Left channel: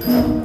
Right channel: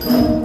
แ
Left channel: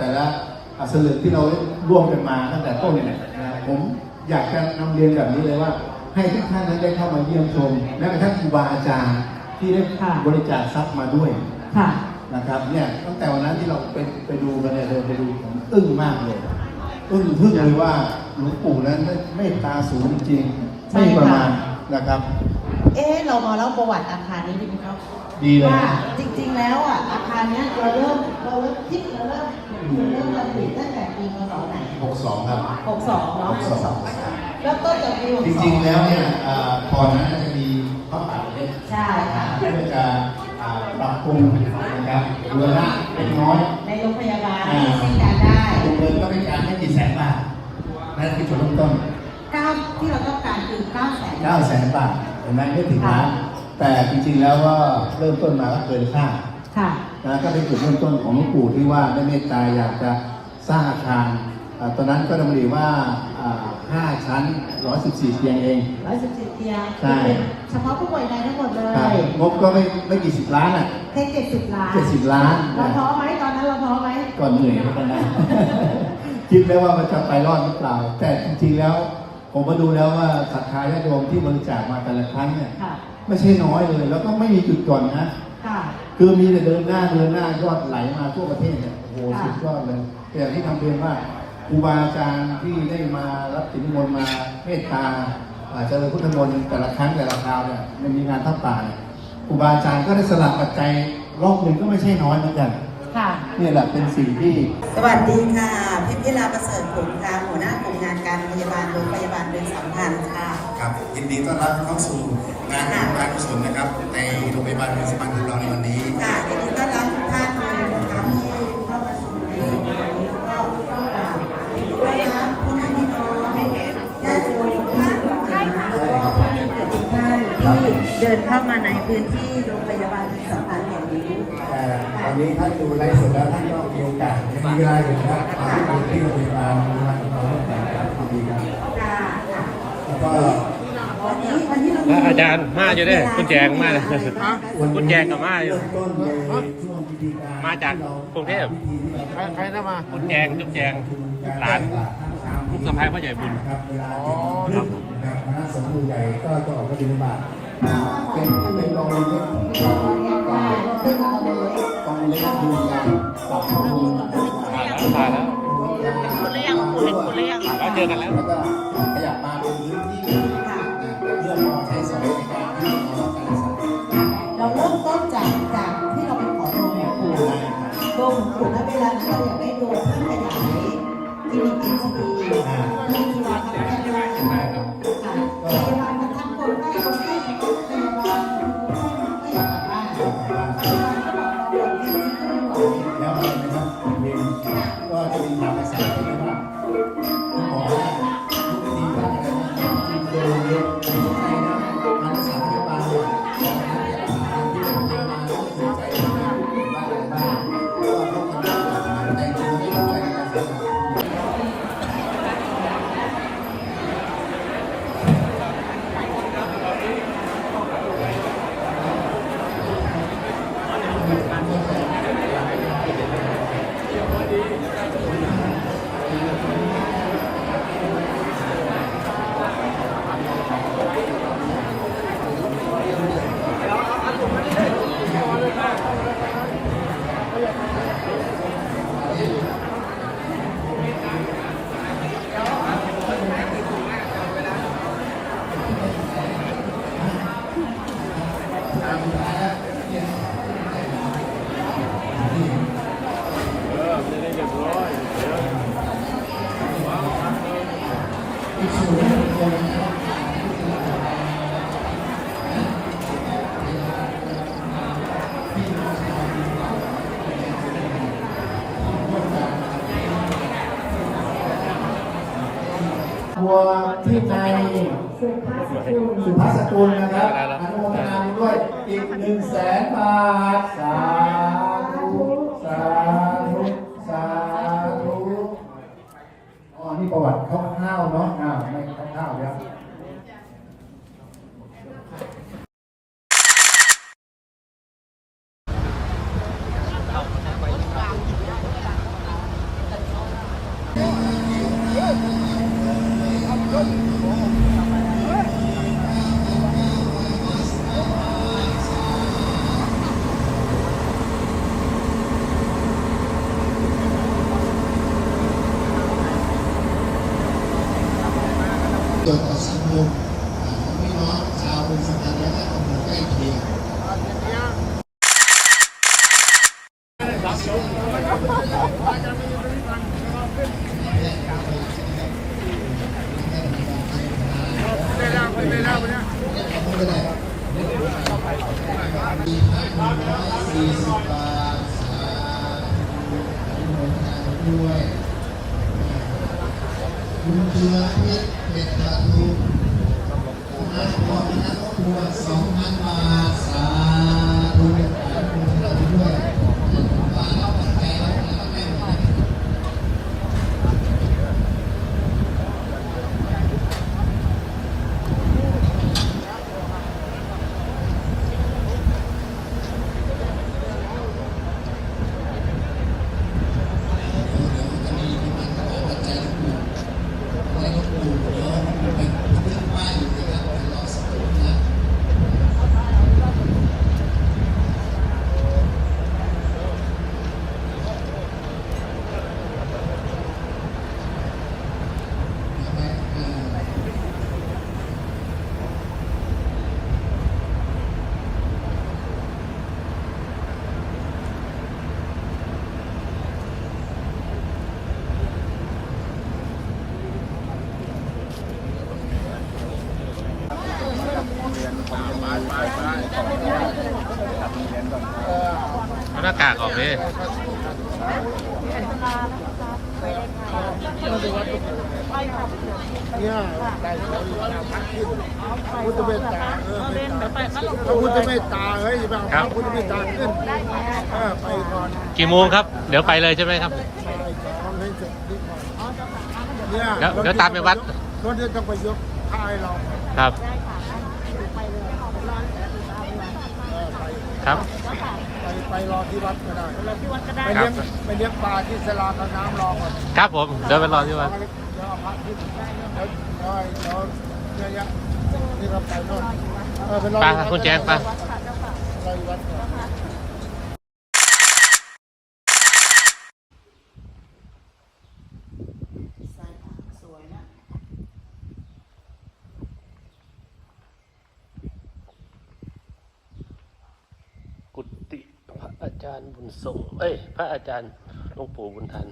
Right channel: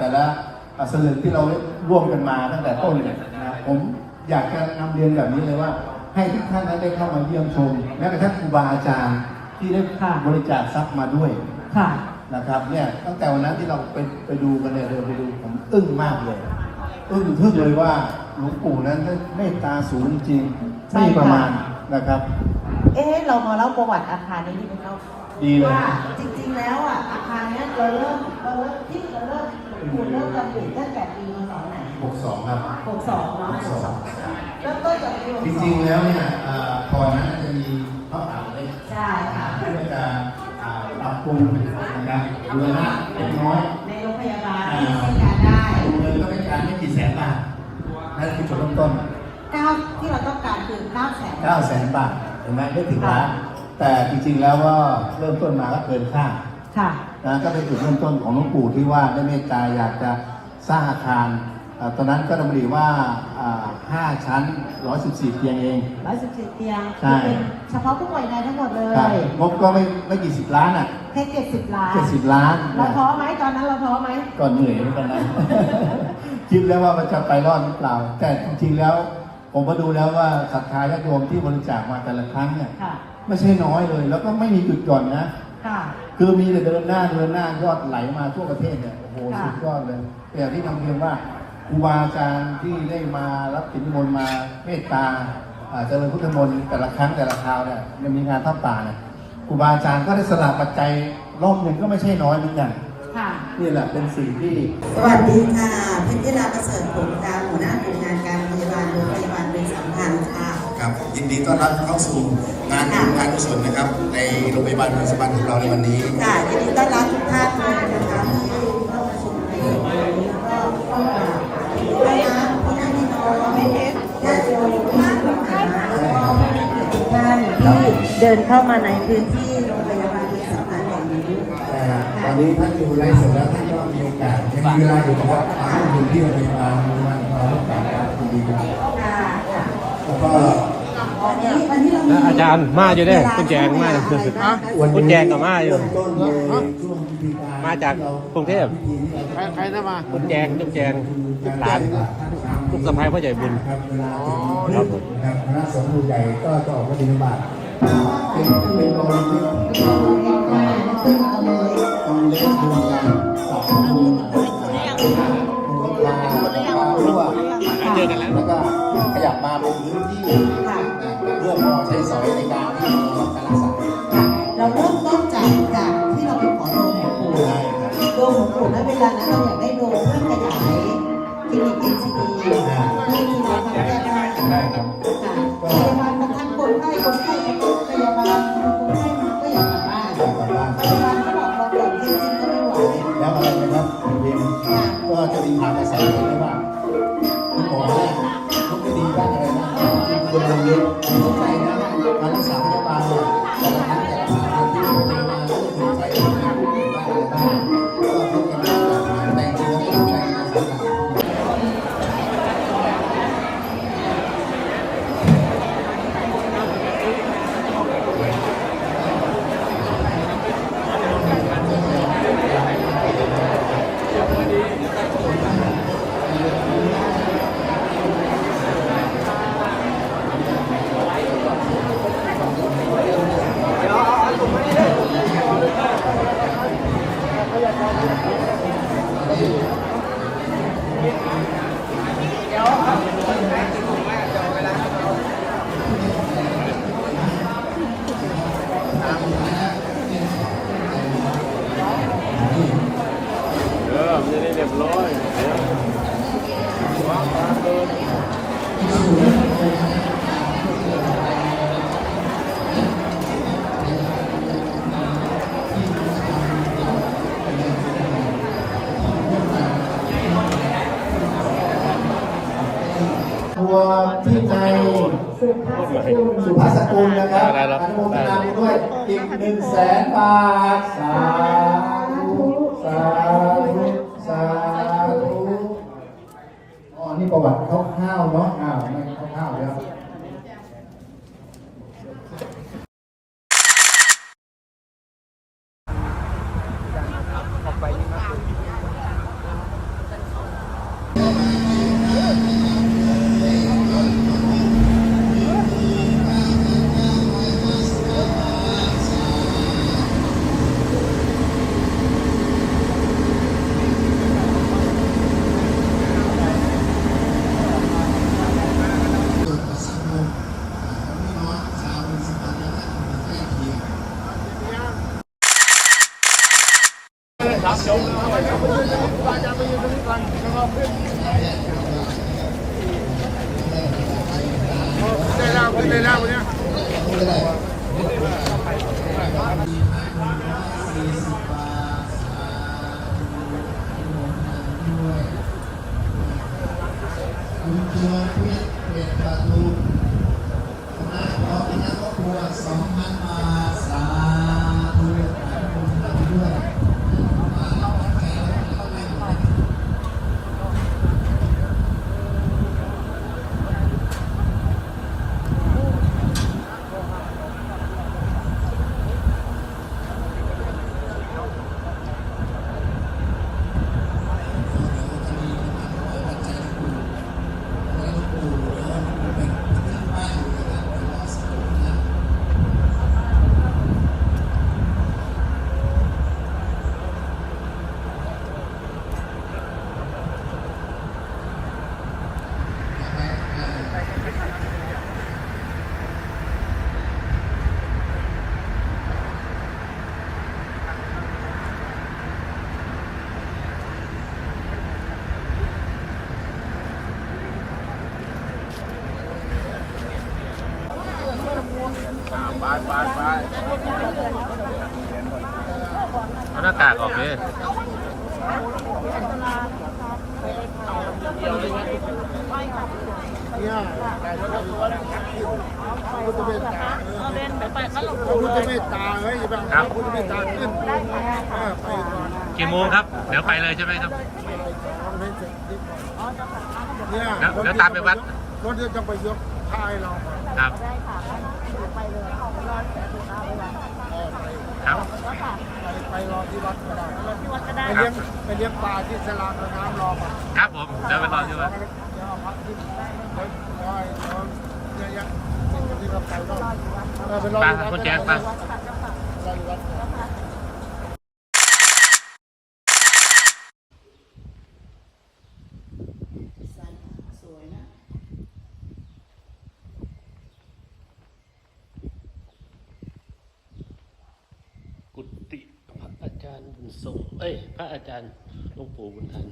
แต่ละบาทแต่ละสลึกที่เราร่วมกันมาตั้งแต่ต้นเนี่ยนะผมอยากจะนำเรียนแบบนี้เลยว่า ให้ทุกท่านนั้นได้เข้ามาเยี่ยมชมแม้กระทั่งครูบาอาจารย์ที่ได้ค่ะบริจาคทรัพย์มาด้วยค่ะนะครับเนี่ยตั้งแต่วันนั้นที่เราไปไปดูกันเนี่ยเราไปดูผมอึ้งมากเลยอึ้งทึ่งเลยว่าหลวงปู่นั้นเมตตาสูงจริงๆไม่ประมาณนะครับ เอ๊ะเรามาเล่าประวัติอาคารนี้ดีไหมครับดีเลยว่าจริง ๆ แล้วอะอาคารเนี้ยเราเริ่ม เราเริ่มที่เราเริ่มเราเริ่มจัดผลิตตั้งแต่ปีพศไหน62ครับ 62เนาะ62แล้วก็จะปีจริงๆแล้วเนี่ยเอ่อก่อนหนานั้นจะมีพระป่าเล็กใช่ค่ะเพื่อจะอ่าปรับปรุงนะครับเรือละเล็กน้อย ในโรงพยาบาลอ่าที่ใช้การได้เรือก็เป็นการไม่กี่แสนบาทนั่นคือจุดเริ่มต้นเก้าที่เราต้องการคือ9แสน9แสนบาทเห็นไหมไม่ถึงล้านแต่จริงๆแล้วก็เริ่มต้นมาก็เกินคาดค่ะ นะก็เป็นจุดเริ่มต้นของหลวงปู่ที่ว่าได้เมตตาอยากจะสร้างอาคารอ่าตอนนั้นก็ดำริว่าอ่า 5 ชั้น 114 เตียงเอง 117เตียง ใช่ เฉพาะผู้ป่วยในทั้งหมดเลครับยงบก็ไม่ไม่กี่สิบล้านอะแค่70ล้าน70ล้านเราท้อไหมตอนนั้นเราท้อไหมก็เหนื่อยเหมือนกันนะคิดแล้วว่ามันจะไปรอดหรือเปล่า แต่จริงๆแล้วผมก็ดูแล้วว่าศรัทธาญาติโยมที่บริจาคมาแต่ละครั้งเนี่ยค่ะไม่ใช่น้อยเลย แล้วก็ไม่มีจุดก่อนนะ ค่ะคือมีแต่เดินหน้าเดินหน้ายอดไหลมาทั่วประเทศเนี่ยโอ้โหค่ะสุดยอดเลยแต่ที่นำเรียนว่าครูบาอาจารย์ที่ได้มารับสินมนต์มาเมตตาอาจจะเจริญพุทธมนต์แต่ละครั้งแต่ละคราวเนี่ยมันมีงานทับป่าเนี่ยครูบาอาจารย์ก็ได้สละปัจจัยรอบหนึ่งก็ไม่ใช่น้อยเหมือนกันค่ะนี่แหละเป็นสิ่งที่ สวัสดีค่ะเพชรยิราประเสริฐผลกลางหัวหน้ากลุ่มงานการพยาบาลโรงพยาบาลเป็นสำคัญค่ะ ครับยินดีต้อนรับเข้าสู่ งานการกุศลนะครับ ในโรงพยาบาลเมืองสปันของเราในวันนี้ค่ะยินดีต้อนรับทุกท่านเลยนะคะที่เข้ามาชมในวันนี้ก็ต้องการให้นะผู้นำที่พร้อมญาติโยมทุกท่านนะคะแล้วก็ทุกท่านที่เดินเข้ามาในพื้นที่โรงพยาบาลเป็นสำคัญแห่งนี้เอ่อวันนี้ท่านดูแลเสร็จแล้วท่านก็มีโอกาสมีเวลาอยู่กับว่าทำให้คนที่โรงพยาบาลมีมันเรารักษาคุณดีนะ ค่ะค่ะ แล้วก็ วันนี้วันนี้เรา แล้ว อาจารย์มาอยู่เด้อคุณแจงมาเลยคุณแจงกับมาอยู่ต้นในช่วงพิธีการมาจากกรุงเทพใครใครนะมาคุณแจงจุ๊บแจงหลานลูกสะพ้ายพ่อใหญ่บุญครับเวลาเจ็ดโมงครึ่งนะครับคณะสงฆ์ผู้ใหญ่ก็จะออกมาบิณฑบาตเป็นเป็นกองเล็กกองเล็กกองเล็กรวมงานสองคนมาแล้วมาแล้วคุณเลี้ยงคุณเห็นคุณเลี้ยง โดมหลวงปู่ณเวลานั้นเราอยากได้โดมเพื่อขยายคลินิกเอ็นซีดีที่มีกาทำแก้ได้ใช่ครับค่ะพยาบาลบางครั้งคนไข้คนไข้ครั้งพยาบาลคนไข้ก็อยากกลับบ้านกลับบ้านพยาบาลก็บอกเราก่อนที่ฉันก็ไม่ไหวแล้วอะไรนะครับเวียนก็จะมีทางภาษาคนละว่าคุณหมอทุกวิธีด้านอะไรบ้างที่คุณเรียนเข้าใจนะ วที่ในสุภาพสกุลนะครับอนุโมทนาบุญด้วยอีกหนึ่งแสนบาทสาธุสาธุสาธุอ๋อนี่ประวัติคร่าวๆเนาะอ้าวไม่คร่าวๆแล้ว เกี่ยวกับสังคมของพี่น้องชาวบนสะพานและตำบลใกล้เคียง สี่สิบบาทสาธุอนุโมทนาบุญด้วยคุณเจือพิษเม็ดทาทูคุณอาสมบัติครอบครัวสองพันบาทสาธุอนุโมทนาบุญด้วยมารับปัจจัยแล้วก็ให้หมด เอาหน้ากากออกดิพุทธเมตตาเล่นไปไปก็ลงพุทธเมตตาเฮ้ยแบบครับพุทธเมตตาขึ้นได้ค่ะได้ค่ะไปก่อนกี่โมงครับ เดี๋ยวไปเลยใช่ไหมครับบ่ายสองให้เสร็จนี่ก่อนอ๋อเจ้าค่ะงั้นก็เดี๋ยวเนี่ยเดี๋ยวเดี๋ยวตามไปวัดรถเดี๋ยวต้องไปยก พายเราก่อนครับได้ค่ะงั้นเดี๋ยวไปเลยเดี๋ยวรอแต่ตูตาไปวันเออไปครับเจ้าค่ะไปไปรอที่วัดก็ได้เราที่วัดก็ได้ไปเลี้ยงไปเลี้ยงปลาที่สลาข้างน้ำรอก่อนครับผมเดี๋ยวไปรอที่วัดเดี๋ยวเอาพระที่ได้เรื่องเดี๋ยวเดี๋ยวเดี๋ยวเยอะแยะสิ่งที่เราไปโน่นเออไปรอไปอยู่วัดคุณแจ๊คไปวัดค่ะเจ้าค่ะรออยู่วัดก่อน เจ้าค่ะ สวยนะ กุฏิพระอารย์บุญส่ง เอ้ย พระอาจารย์หลวงปู่บุญทัน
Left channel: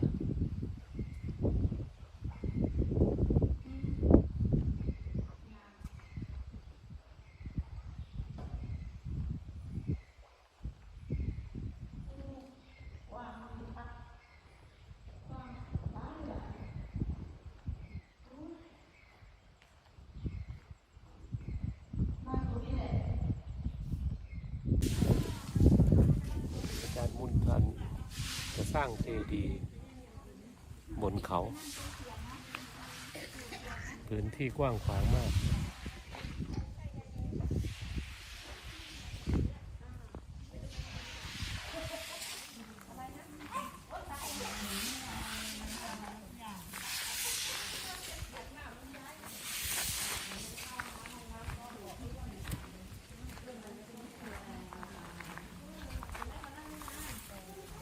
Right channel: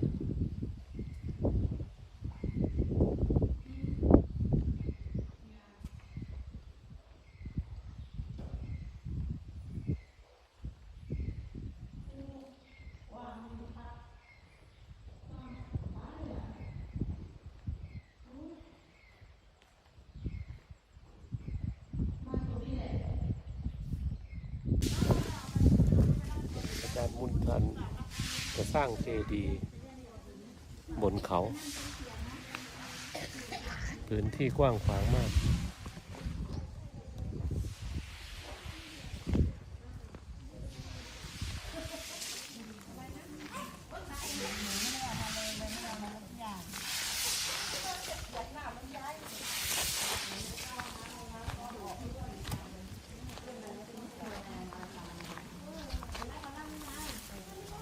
บุญทันจะสร้างเจดีย์บนเขา พื้นที่กว้างขวางมาก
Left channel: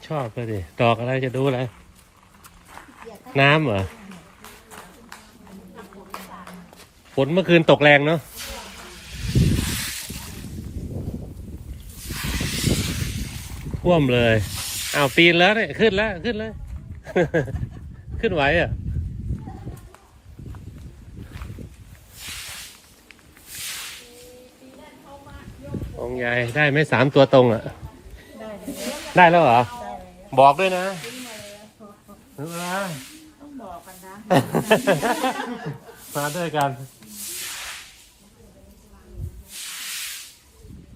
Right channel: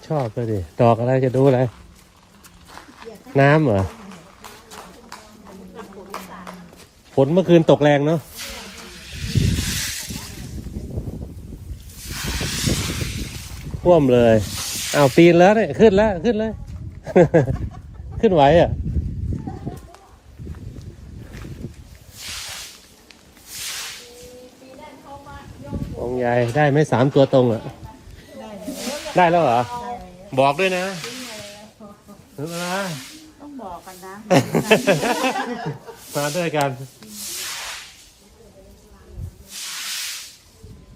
ชอบเลยดิดอกอะไรจะดูอะไรน้ำเหรอฝนเมื่อคืนตกแรงเนาะท่วมเลยอ้าวปีนแล้วเนี่ยขึ้นแล้วขึ้นแล้ว ขึ้นไหวอะองใหญ่ได้ไหมสามตัวตรงอะ ได้แล้วเหรอ บอกด้วยนะถึงเวลาต้องบอกกันนะ มาด้วยกัน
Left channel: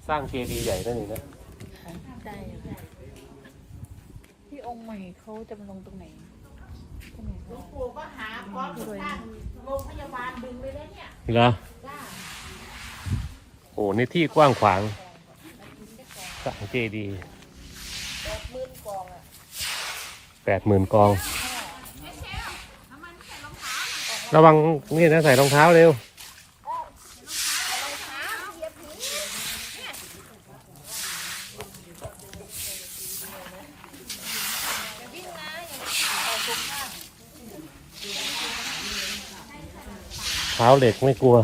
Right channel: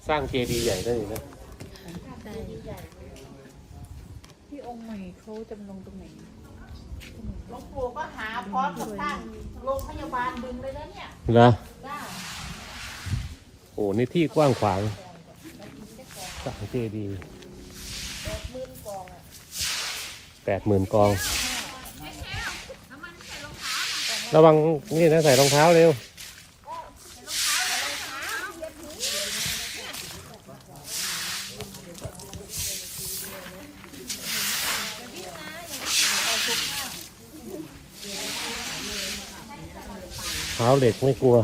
สร้างเจดีย์ใหญ่ได้อีกนะพี่องค์ใหม่เขาจำลงตรงไหนหลวงปู่ก็หาพร้อมกับตั้งโรงพยาบาลดึงไปแล้วเนี่ยเหรอโอ้นี่ที่กว้างขวางสร้างเจดีย์ แปดหมื่นกอง ระวังนี่นะใส่รองเท้าเร็วเท้าเหล็กไม่กลัว